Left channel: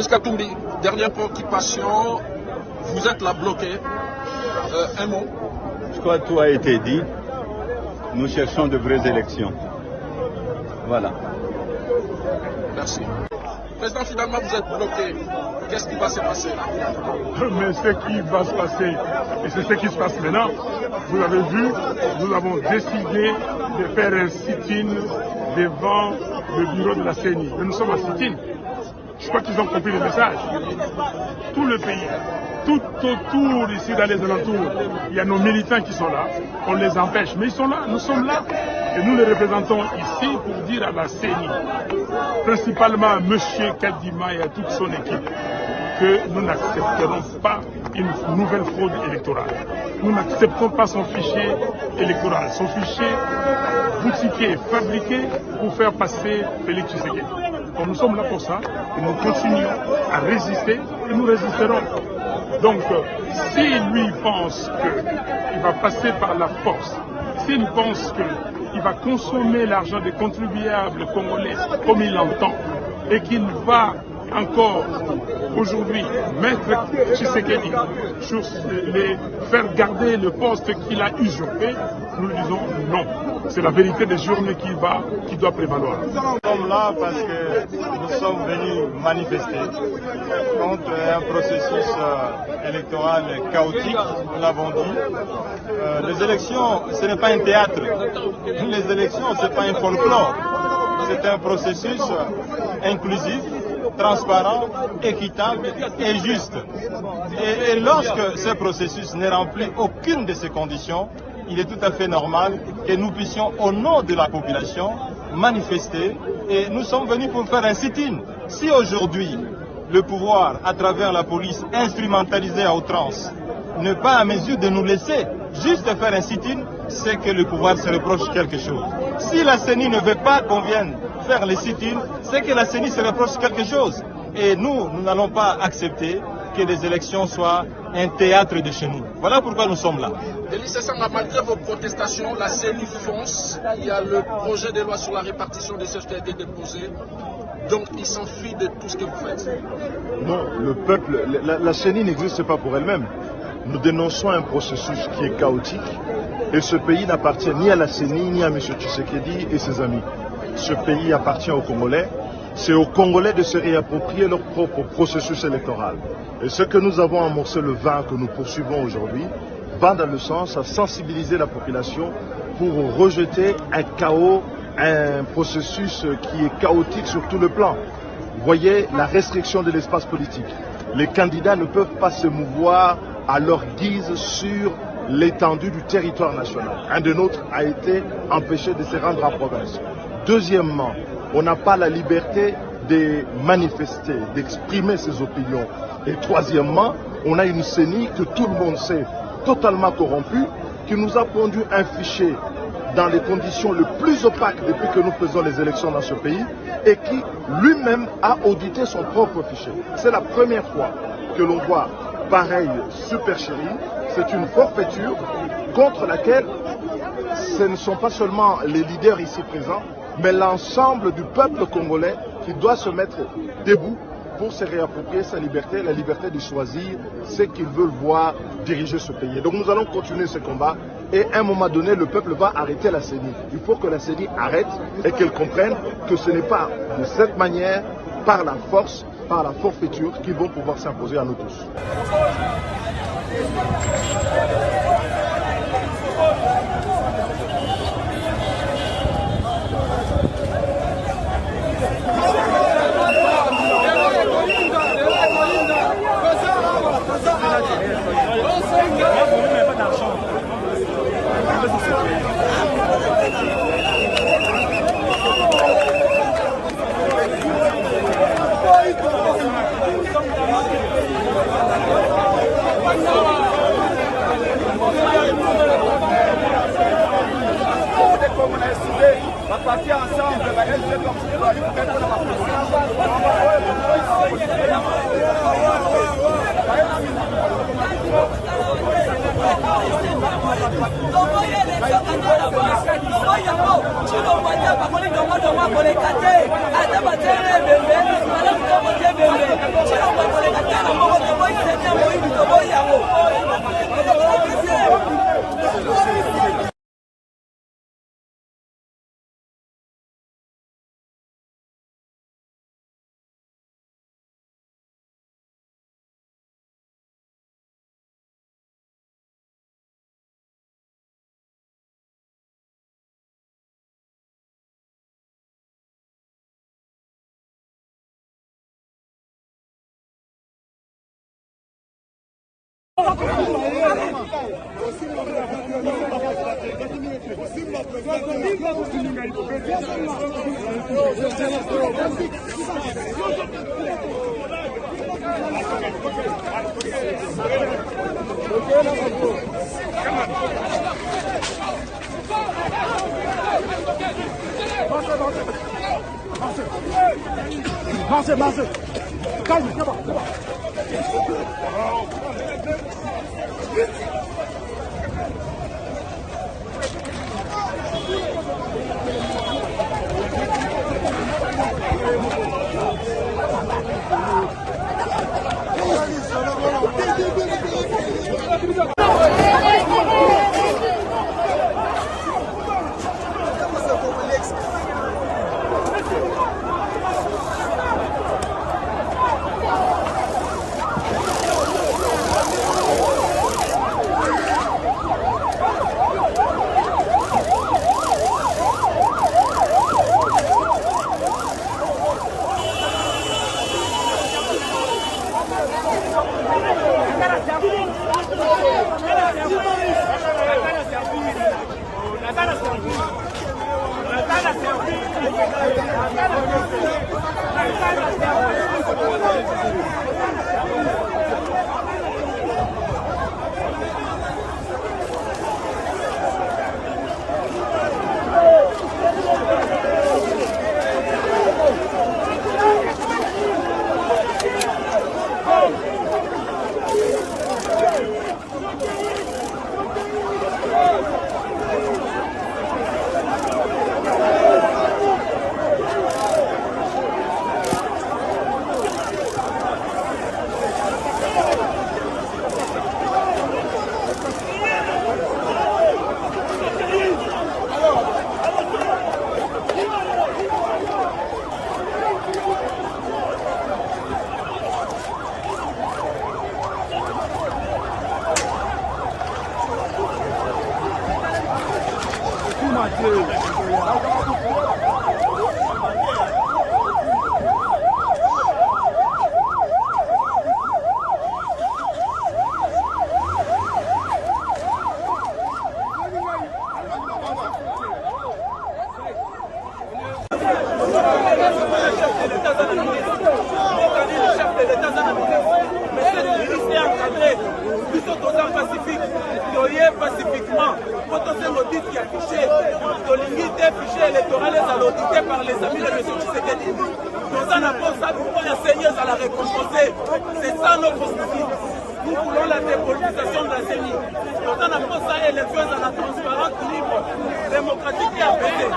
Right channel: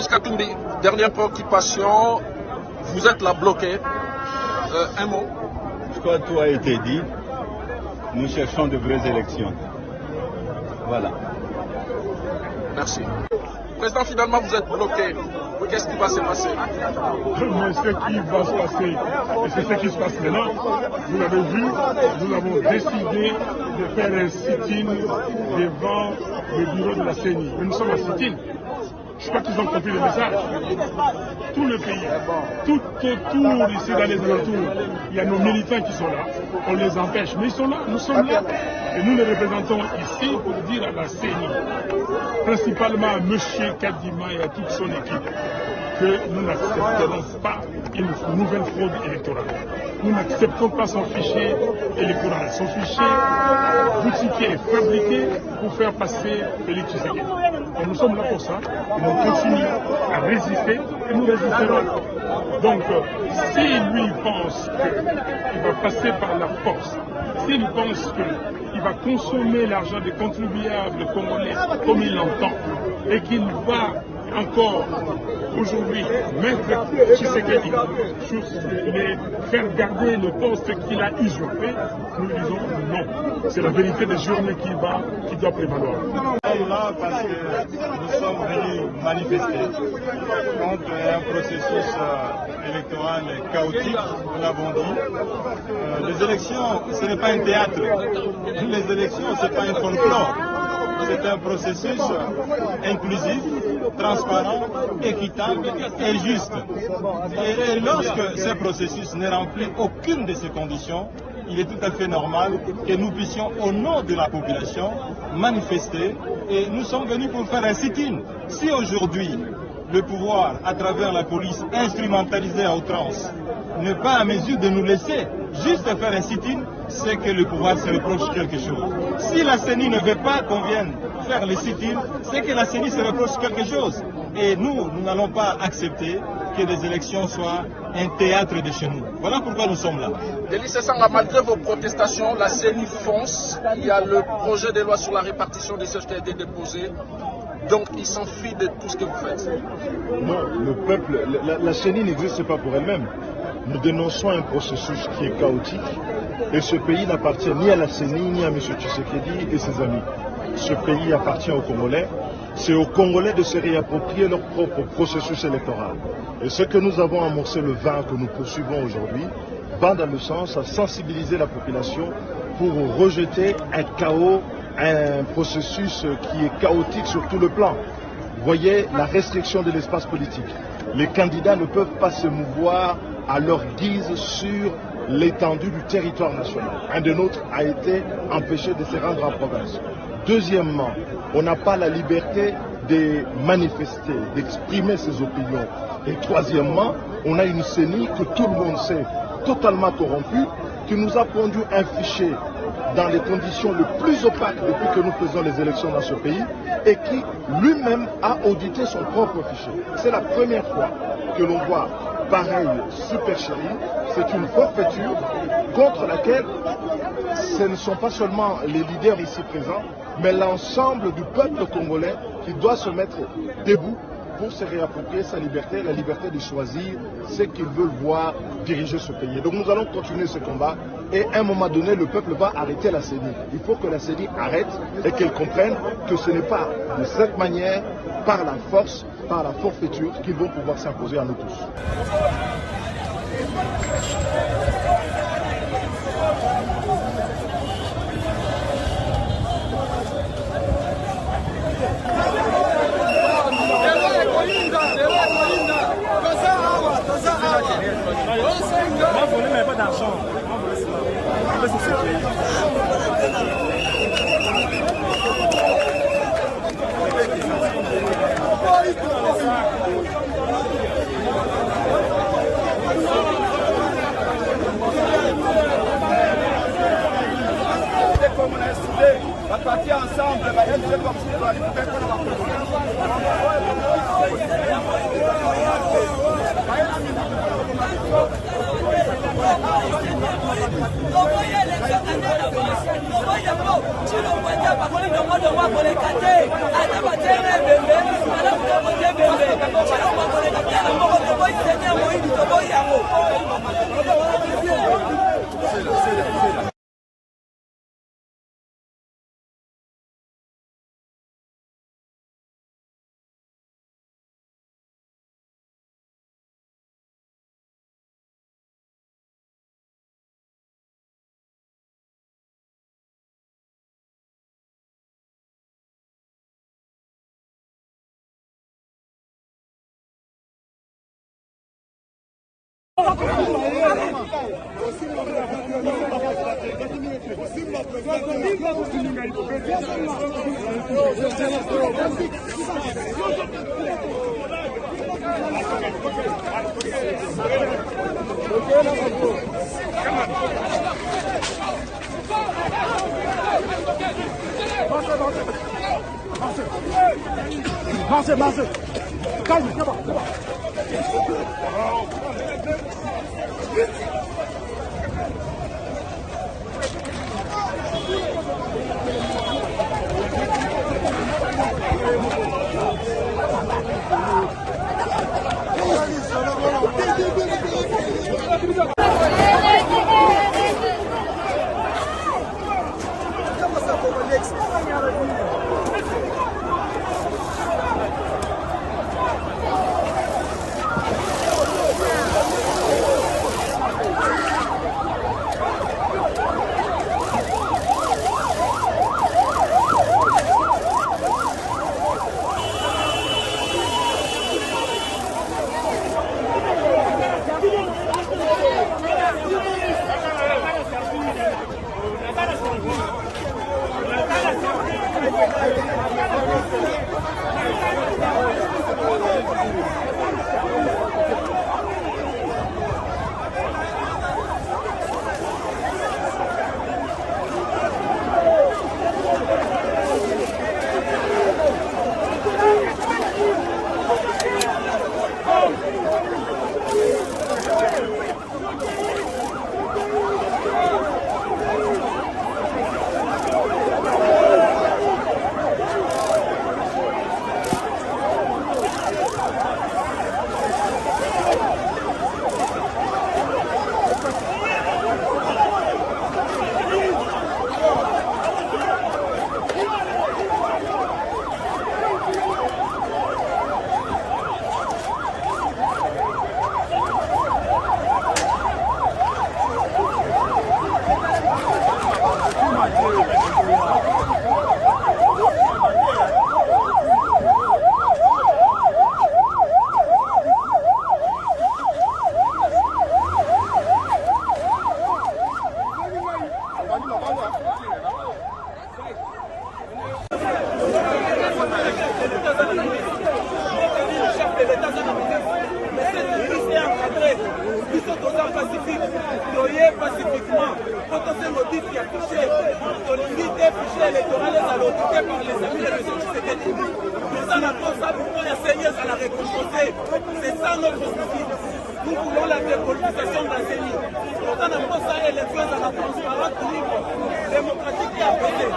Oscar Toumbi, dernière préoccupation, vous êtes là bloqué. Un mot. Tout a été dit. Nous cherchons de vraies élections. Voilà. Merci. Président, finalement, vous êtes bloqué. Qu'est-ce qui va se passer? Mais ce qui va se passer, et c'est ce qui se passe maintenant, vous avez vu, nous avons décidé de faire un sit-in devant le bureau de la CENI. Mais nous sommes à sit-in. Je crois qu'ils ont compris le message. Tout le pays, tout autour ici dans les alentours, il y a nos militants qui sont là. On les empêche, mais ils sont là, nous sommes là. Et nous les représentons ici pour dire à la CENI, principalement à M. Kadima et à toute son équipe, que nous n'accepterons pas une nouvelle fraude électorale. Nous n'acceptons pas son fichier électoral, son fichier boutiqué, fabriqué pour faire passer Félix Tshisekedi. Donc nous sommes là pour ça et nous continuons à résister et nous résisterons. Donc s'il lui pense qu'il va passer par la force, s'il pense qu'il va consommer l'argent des contribuables congolais comme il l'entend et qu'il va encore aujourd'hui mettre Tshisekedi sur les faire garder le poste qu'il a usurpé, nous disons non. C'est la vérité des journées qui doit prévaloir. Nous sommes là parce que nous sommes venus manifester contre un processus électoral chaotique, nous l'avons dit. Les élections, ce n'est pas un théâtre. Les élections, ce n'est pas un folklore. C'est un processus inclusif, transparent, équitable et juste. Et lorsque ce processus ne remplit aucune de ces conditions, il est tout à fait normal que nous puissions, au nom de la population, manifester. Et nous sommes venus pour faire un sit-in. Si aujourd'hui, le pouvoir, à travers la police instrumentalisée à outrance, n'est pas à mesure de nous laisser juste faire un sit-in, c'est que le pouvoir se reproche quelque chose. Si la CENI ne veut pas qu'on vienne faire les sit-in, c'est que la CENI se reproche quelque chose. Et nous n'allons pas accepter que les élections soient un théâtre de chez nous. Voilà pourquoi nous sommes là. Denis Sassanga, malgré vos protestations, la CENI fonce. Il y a le projet de loi sur la répartition des CFPD déposé. Donc il s'enfuit de tout ce que vous faites. Non, le peuple, la CENI n'existe pas pour elle-même. Nous dénonçons un processus qui est chaotique et ce pays n'appartient ni à la CENI ni à M. Tshisekedi et ses amis. Ce pays appartient aux Congolais. C'est aux Congolais de se réapproprier leur propre processus électoral. Et ce que nous avons amorcé le 20 que nous poursuivons aujourd'hui va dans le sens à sensibiliser la population pour rejeter un chaos, un processus qui est chaotique sur tout le plan. Vous voyez la restriction de l'espace politique. Les candidats ne peuvent pas se mouvoir à leur guise sur l'étendue du territoire national. Un de nôtres a été empêché de se rendre en province. Deuxièmement, on n'a pas la liberté de manifester, d'exprimer ses opinions. Et troisièmement, on a une CENI que tout le monde sait totalement corrompue, qui nous a pondu un fichier dans les conditions les plus opaques depuis que nous faisons les élections dans ce pays et qui lui-même a audité son propre fichier. C'est la première fois que l'on voit pareil supercherie. C'est une forfaiture contre laquelle ce ne sont pas seulement les leaders ici présents, mais l'ensemble du peuple congolais qui doit se mettre debout pour se réapproprier sa liberté, la liberté de choisir ce qu'ils veulent voir diriger ce pays. Donc nous allons continuer ce combat et à un moment donné, le peuple va arrêter la CENI. Il faut que la CENI arrête et qu'elle comprenne que ce n'est pas de cette manière, par la force, par la forfaiture, qu'ils vont pouvoir s'imposer à nous tous. va partir ensemble, va être comme Marchez. Calme, c'est bon. pacifiquement, potentiellement dit qu'il y a touché, l'unité fichier électoral est audité par les amis de M. Tshisekedi. Nous en avons ça pour que la CENI à la récompenser. C'est ça notre souci. Nous voulons la dépolitisation de la CENI. Nous en avons ça élection à la transparence libre, démocratique et apaisée.